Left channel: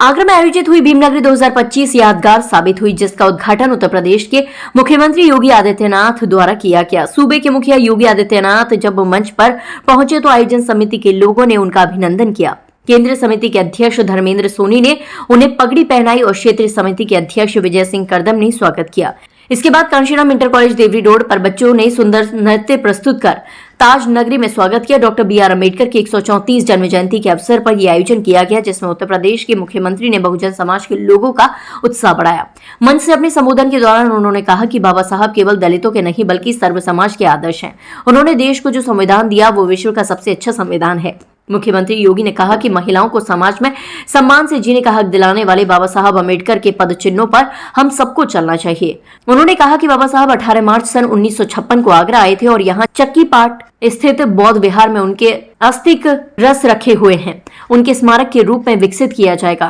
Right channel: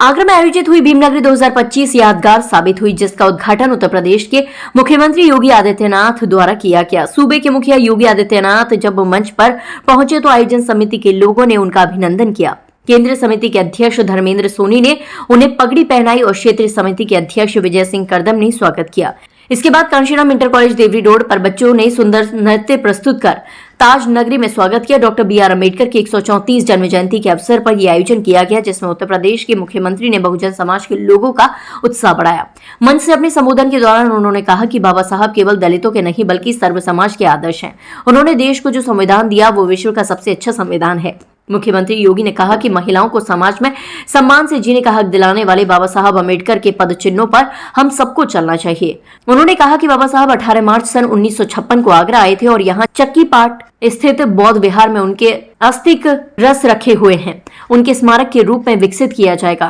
आगरा में आयोजित हुई भीमनगरी 2025 यादगार साबित हुई, जिसका उद्घाटन उत्तर प्रदेश के मुख्यमंत्री योगी आदित्यनाथ द्वारा किया गया। सूबे के मुखिया योगी आदित्यनाथ जब मंच पर पहुंचे तो आयोजन समिति के लोगों ने उनका अभिनंदन किया। केंद्रीय समिति के अध्यक्ष धर्मेंद्र सोनी ने उन्हें पगड़ी पहनाई और क्षेत्रीय समिति के अध्यक्ष विजय सिंह करदम ने स्वागत किया। इसके बाद Kanshiram inter college Deori road पर बच्चों ने सुंदर नृत्य प्रस्तुत कर ताज नगरी में स्वागत किया। Doctor B R. अम्बेडकर की 134 जन्म जयंती के अवसर पर यह आयोजन किया गया, जिसमें उत्तर प्रदेश के मुख्यमंत्री ने बहुजन समाज के लोगों का उत्साह बढ़ाया। मंच से अपने संबोधन के दौरान उन्होंने कहा कि बाबा साहब केवल दलितों के नहीं बल्कि सर्व समाज के आदर्श हैं। उन्होंने देश को जो संविधान दिया वो विश्व का सबसे अच्छा संविधान है। मुख्यमंत्री योगी ने कहा कि महिलाओं को समाज में सम्मान से जीने का हक दिलाने वाले बाबा साहब अम्बेडकर के पद चिन्हों पर हम सबको चलना चाहिए। उन्होंने कहा कि बाबा साहब 18 मार्च सन 1956 को आगरा आए थे और यहाँ चक्की पाट स्थित बौद्ध विहार में उनके अस्थिक रस रखे हुए हैं। उनके स्मारक के रूप में विकसित किया जाएगा।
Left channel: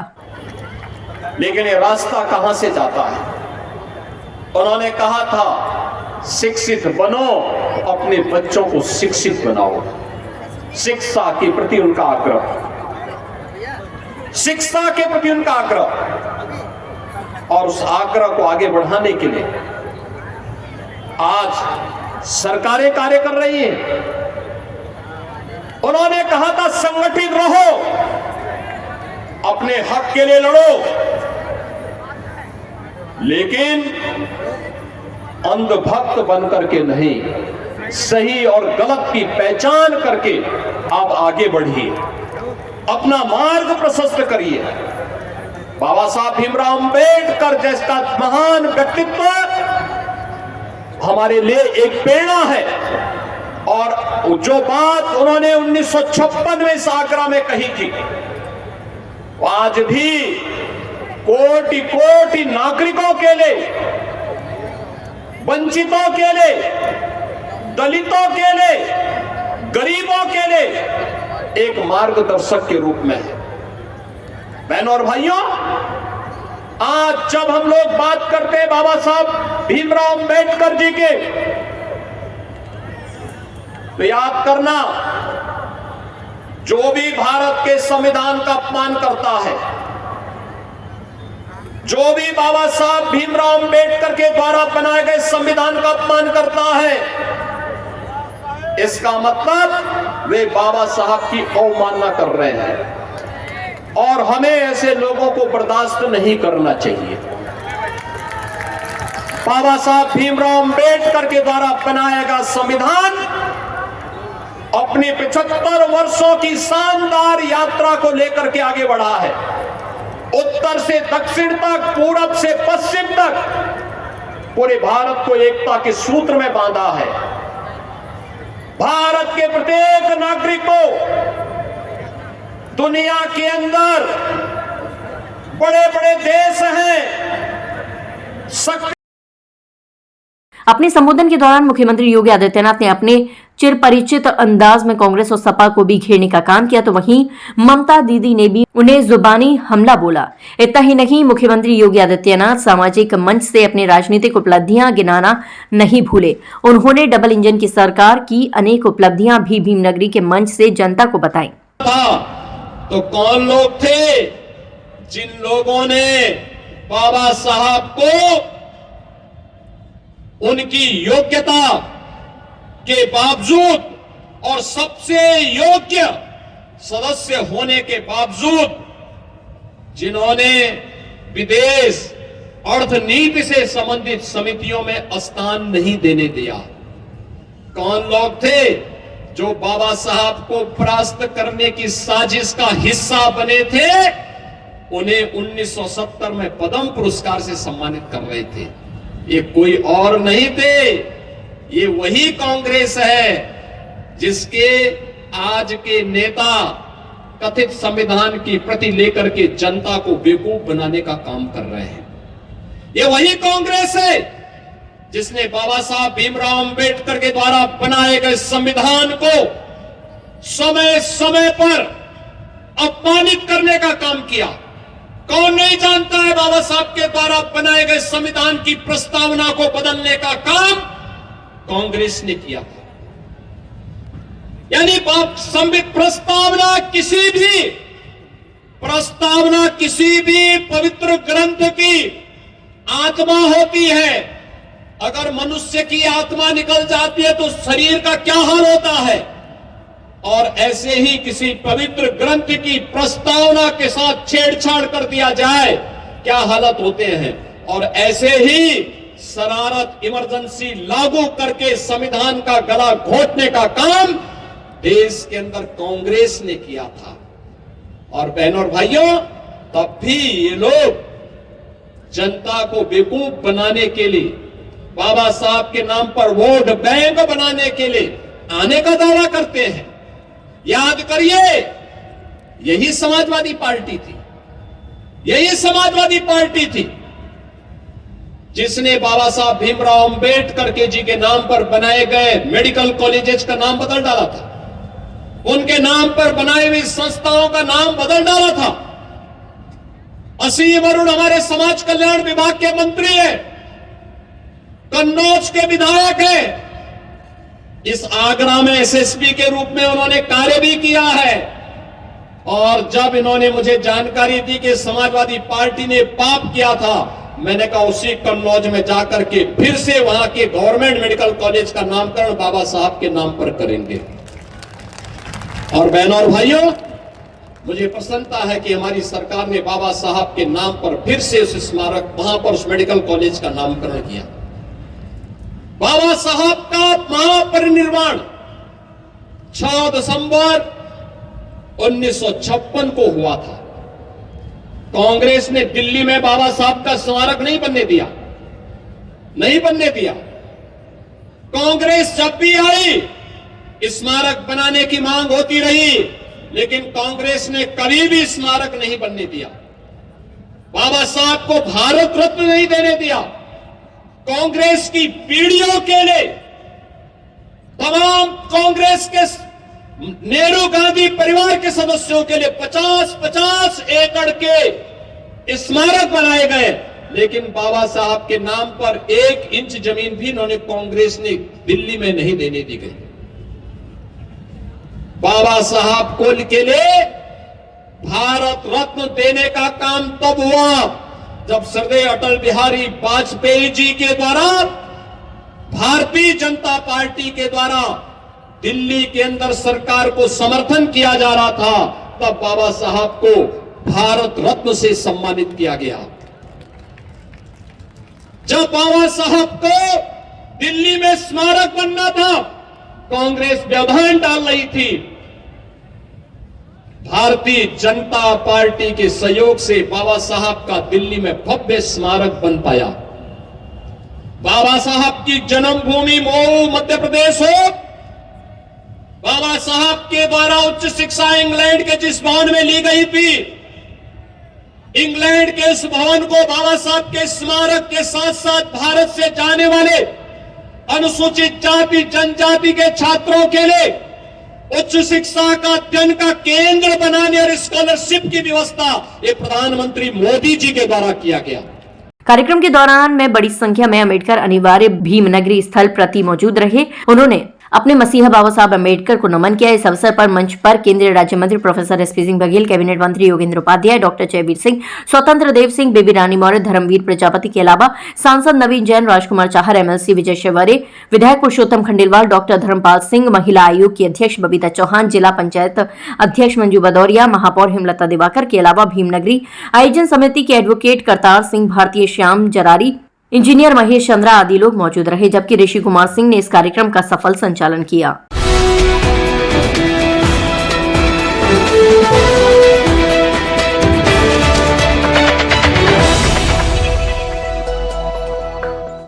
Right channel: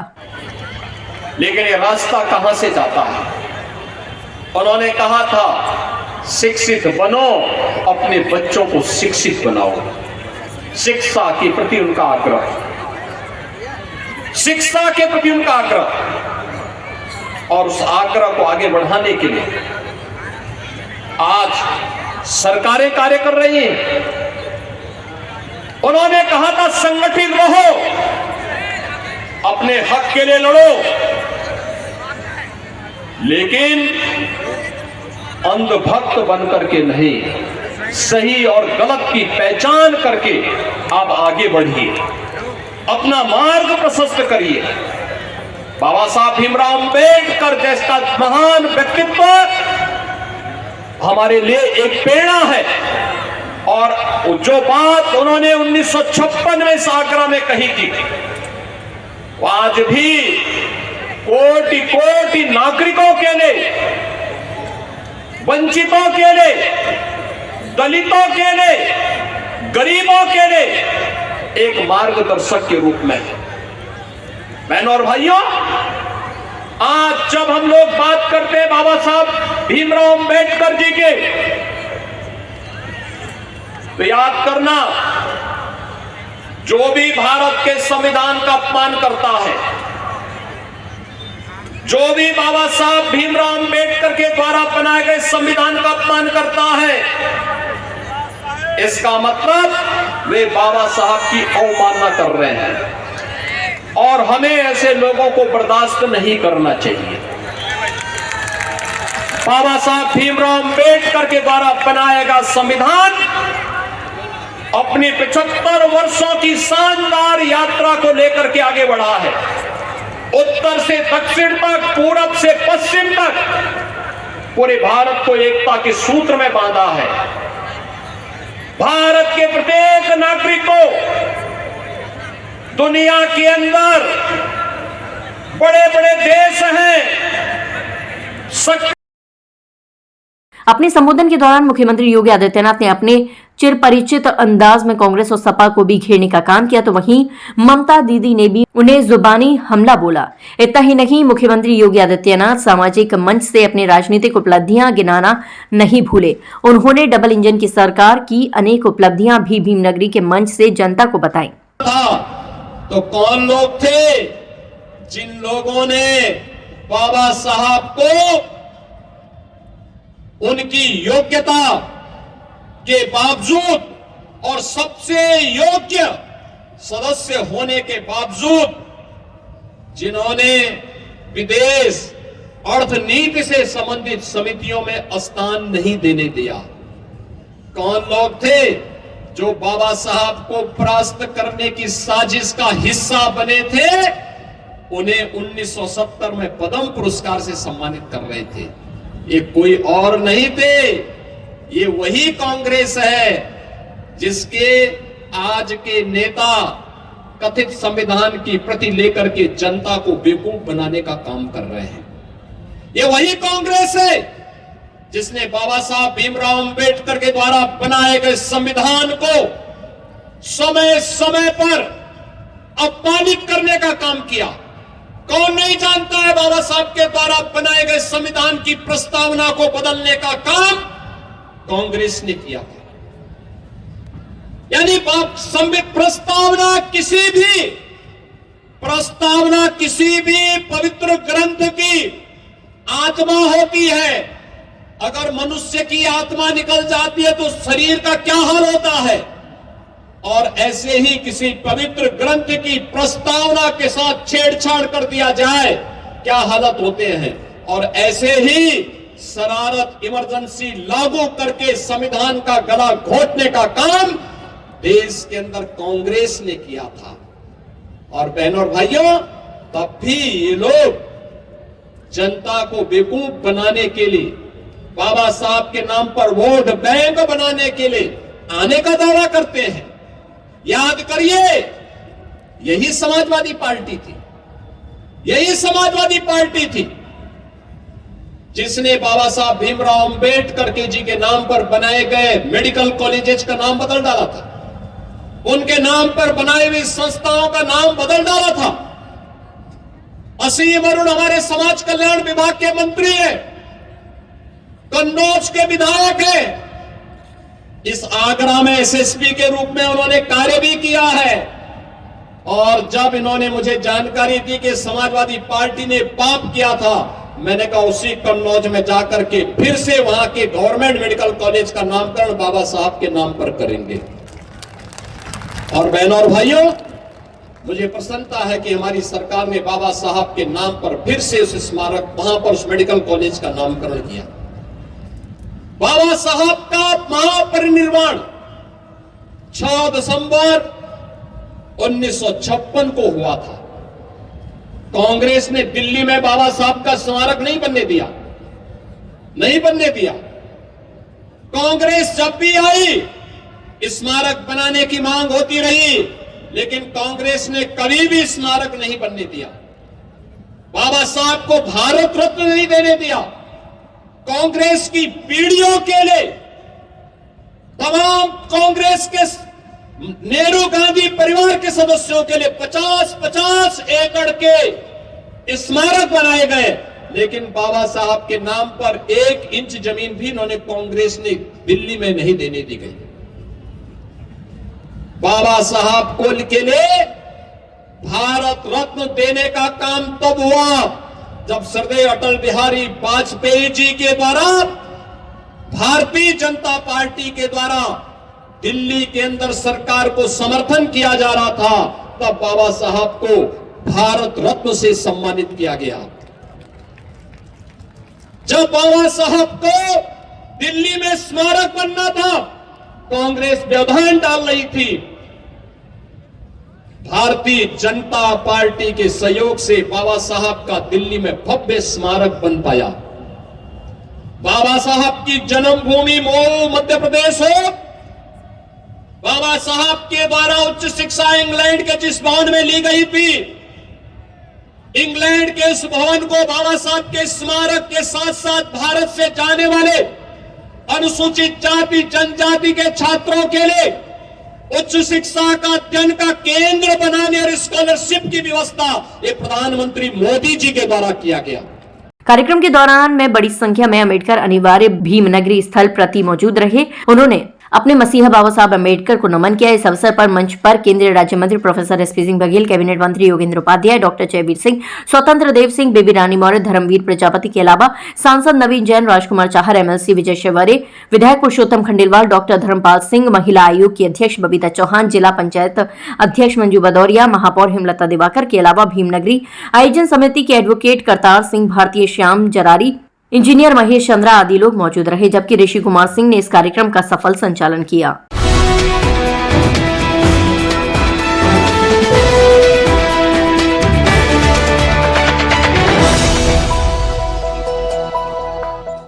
लेकिन ये रास्ता कहां से जाता है? उन्होंने कहा था शिक्षित बनो, अपने बच्चों को शिक्षित बनाओ। शिक्षा के प्रति उनका आग्रह, शिक्षा के प्रति उनका आग्रह, और उस आग्रह को आगे बढ़ाने के लिए आज सरकारें कार्य कर रही हैं। उन्होंने कहा था संगठित रहो, अपने हक के लिए लड़ो, लेकिन अंधभक्त बनकर के नहीं, सही और गलत की पहचान करके आप आगे बढ़िए, अपना मार्ग प्रशस्त करिए। बाबा साहब भीमराव अम्बेडकर जैसा महान व्यक्तित्व हमारे लिए एक प्रेरणा है, और जो बात उन्होंने 1956 में आगरा में कही थी, आज भी कोटि कोटि नागरिकों के लिए, वंचितों के लिए, दलितों के लिए, गरीबों के लिए एक मार्गदर्शक के रूप में। बहनों और भाइयों, आज जब हम लोग बात करते हैं बाबा साहब भीमराव अम्बेडकर जी के, तो याद करना, जो भी भारत के संविधान का अपमान करता है, जो भी बाबा साहब भीमराव अम्बेडकर के द्वारा बनाए गए संविधान का अपमान करता है, इसका मतलब वे बाबा साहब की अवमानना कर रहे हैं, और हमें ऐसे लोगों को बर्दाश्त नहीं करना चाहिए। बाबा साहब भीमराव अम्बेडकर के द्वारा बनाया गया संविधान अपनी 75 वर्षों की शानदार यात्रा को लेकर के आगे बढ़ा है। उत्तर से दक्षिण तक, पूरब से पश्चिम तक पूरे भारत को एकता के सूत्र में बांधा है। भारत के प्रत्येक नागरिक को दुनिया के अंदर बड़े बड़े देश हैं, अपने संबोधन के दौरान मुख्यमंत्री योगी आदित्यनाथ ने अपने चिरपरिचित अंदाज में कांग्रेस और सपा को भी घेरने का काम किया, तो वहीं ममता दीदी ने भी उन्हें जुबानी हमला बोला। इतना ही नहीं, मुख्यमंत्री योगी आदित्यनाथ सामाजिक मंच से अपनी राजनीतिक उपलब्धियां गिनाना नहीं भूले। उन्होंने डबल इंजन की सरकार की अनेक उपलब्धियां भी भीमनगरी के मंच से जनता को बताई। तो कौन लोग थे जिन लोगों ने बाबा साहब को उनकी योग्यता के बावजूद और सबसे योग्य सदस्य होने के बावजूद जिन्होंने विदेश अर्थनीति से संबंधित समितियों में स्थान नहीं देने दिया? कौन लोग थे जो बाबा साहब को परास्त करने की साजिश का हिस्सा बने थे? उन्हें 1970 में पद्म पुरस्कार से सम्मानित कर रहे थे। ये कोई और नहीं थे, ये वही कांग्रेस है जिसके आज के नेता कथित संविधान की प्रति लेकर के जनता को बेवकूफ बनाने का काम कर रहे हैं। ये वही कांग्रेस है जिसने बाबा साहब भीमराव अम्बेडकर के द्वारा बनाए गए संविधान को समय समय पर अपमानित करने का काम किया। कौन नहीं जानता है बाबा साहब के द्वारा बनाए गए संविधान की प्रस्तावना को बदलने का काम कांग्रेस ने किया था। यानी संविधान प्रस्तावना किसी भी प्रस्तावना किसी भी पवित्र ग्रंथ की आत्मा होती है। अगर मनुष्य की आत्मा निकल जाती है तो शरीर का क्या हाल होता है। और ऐसे ही किसी पवित्र ग्रंथ की प्रस्तावना के साथ छेड़छाड़ कर दिया जाए, क्या हालत होते हैं। और ऐसे ही शरारत, इमरजेंसी लागू करके संविधान का गला घोटने का काम देश के अंदर कांग्रेस ने किया था। और बहनों और भाइयों, तब भी ये लोग जनता को बेवकूफ बनाने के लिए, बाबा साहब के नाम पर वोट बैंक बनाने के लिए आने का दावा करते हैं। याद करिए, यही समाजवादी पार्टी थी, यही समाजवादी पार्टी थी जिसने बाबा साहब भीमराव अंबेडकर के जी के नाम पर बनाए गए मेडिकल कॉलेजेस का नाम बदल डाला था, उनके नाम पर बनाई हुई संस्थाओं का नाम बदल डाला था। असीम अरुण हमारे समाज कल्याण विभाग के मंत्री हैं, कन्नौज के विधायक हैं, इस आगरा में एसएसपी के रूप में उन्होंने कार्य भी किया है। और जब इन्होंने मुझे जानकारी दी कि समाजवादी पार्टी ने पाप किया था, मैंने कहा उसी कन्नौज में जाकर के फिर से वहां के गवर्नमेंट मेडिकल कॉलेज का नामकरण बाबा साहब के नाम पर करेंगे। और बहनों और भाइयों, मुझे प्रसन्नता है कि हमारी सरकार ने बाबा साहब के नाम पर फिर से उस स्मारक, वहां पर उस मेडिकल कॉलेज का नामकरण किया। बाबा साहब का महापरिनिर्वाण 6 दिसंबर 1956 को हुआ था। कांग्रेस ने दिल्ली में बाबा साहब का स्मारक नहीं बनने दिया, नहीं बनने दिया। कांग्रेस जब भी आई स्मारक बनाने की मांग होती रही, लेकिन कांग्रेस ने कभी भी स्मारक नहीं बनने दिया। बाबा साहब को भारत रत्न नहीं देने दिया। कांग्रेस की पीढ़ियों के लिए तमाम कांग्रेस के नेहरू गांधी परिवार के सदस्यों के लिए 50-50 एकड़ के स्मारक बनाए गए, लेकिन बाबा साहब के नाम पर 1 इंच जमीन भी इन्होंने कांग्रेस ने दिल्ली में नहीं देने दी गई। बाबा साहब कुल के लिए भारत रत्न देने का काम तब हुआ जब श्रद्धेय अटल बिहारी वाजपेयी जी के द्वारा, भारतीय जनता पार्टी के द्वारा दिल्ली के अंदर सरकार को समर्थन किया जा रहा था। तब बाबा साहब को भारत रत्न से सम्मानित किया गया। जब बाबा साहब को दिल्ली में स्मारक बनना था, कांग्रेस व्यवधान डाल रही थी। भारतीय जनता पार्टी के सहयोग से बाबा साहब का दिल्ली में भव्य स्मारक बन पाया। बाबा साहब की जन्मभूमि मऊ मध्य प्रदेश हो, बाबा साहब के द्वारा उच्च शिक्षा इंग्लैंड के जिस भवन में ली गई थी, इंग्लैंड के इस भवन को बाबा साहब के स्मारक के साथ साथ भारत से जाने वाले अनुसूचित जाति जनजाति के छात्रों के लिए उच्च शिक्षा का अध्ययन का केंद्र बनाने और स्कॉलरशिप की व्यवस्था ये प्रधानमंत्री मोदी जी के द्वारा किया गया। कार्यक्रम के दौरान में बड़ी संख्या में अम्बेडकर अनिवार्य भीमनगरी स्थल प्रति मौजूद रहे। उन्होंने अपने मसीहा बाबा साहब अम्बेडकर को नमन किया। इस अवसर पर मंच पर केंद्रीय राज्य मंत्री professor SP Singh Baghel, cabinet मंत्री योगेंद्र उपाध्याय, डॉक्टर जयवीर सिंह, स्वतंत्र देव सिंह, बेबी रानी मौर्य, धर्मवीर प्रजापति के अलावा सांसद नवीन जैन, राजकुमार चाहर, एमएलसी विजय शिवरे, विधायक पुरुषोत्तम खंडेलवाल, डॉक्टर धर्मपाल सिंह, महिला आयोग की अध्यक्ष बबीता चौहान, जिला पंचायत अध्यक्ष मंजू भदौरिया, महापौर हेमलता दिवाकर के अलावा भीमनगरी आयोजन समिति के एडवोकेट करतार सिंह, भारतीय श्याम जरारी, इंजीनियर महेश चंद्रा आदि लोग मौजूद रहे। जबकि ऋषि कुमार सिंह ने इस कार्यक्रम का सफल संचालन किया।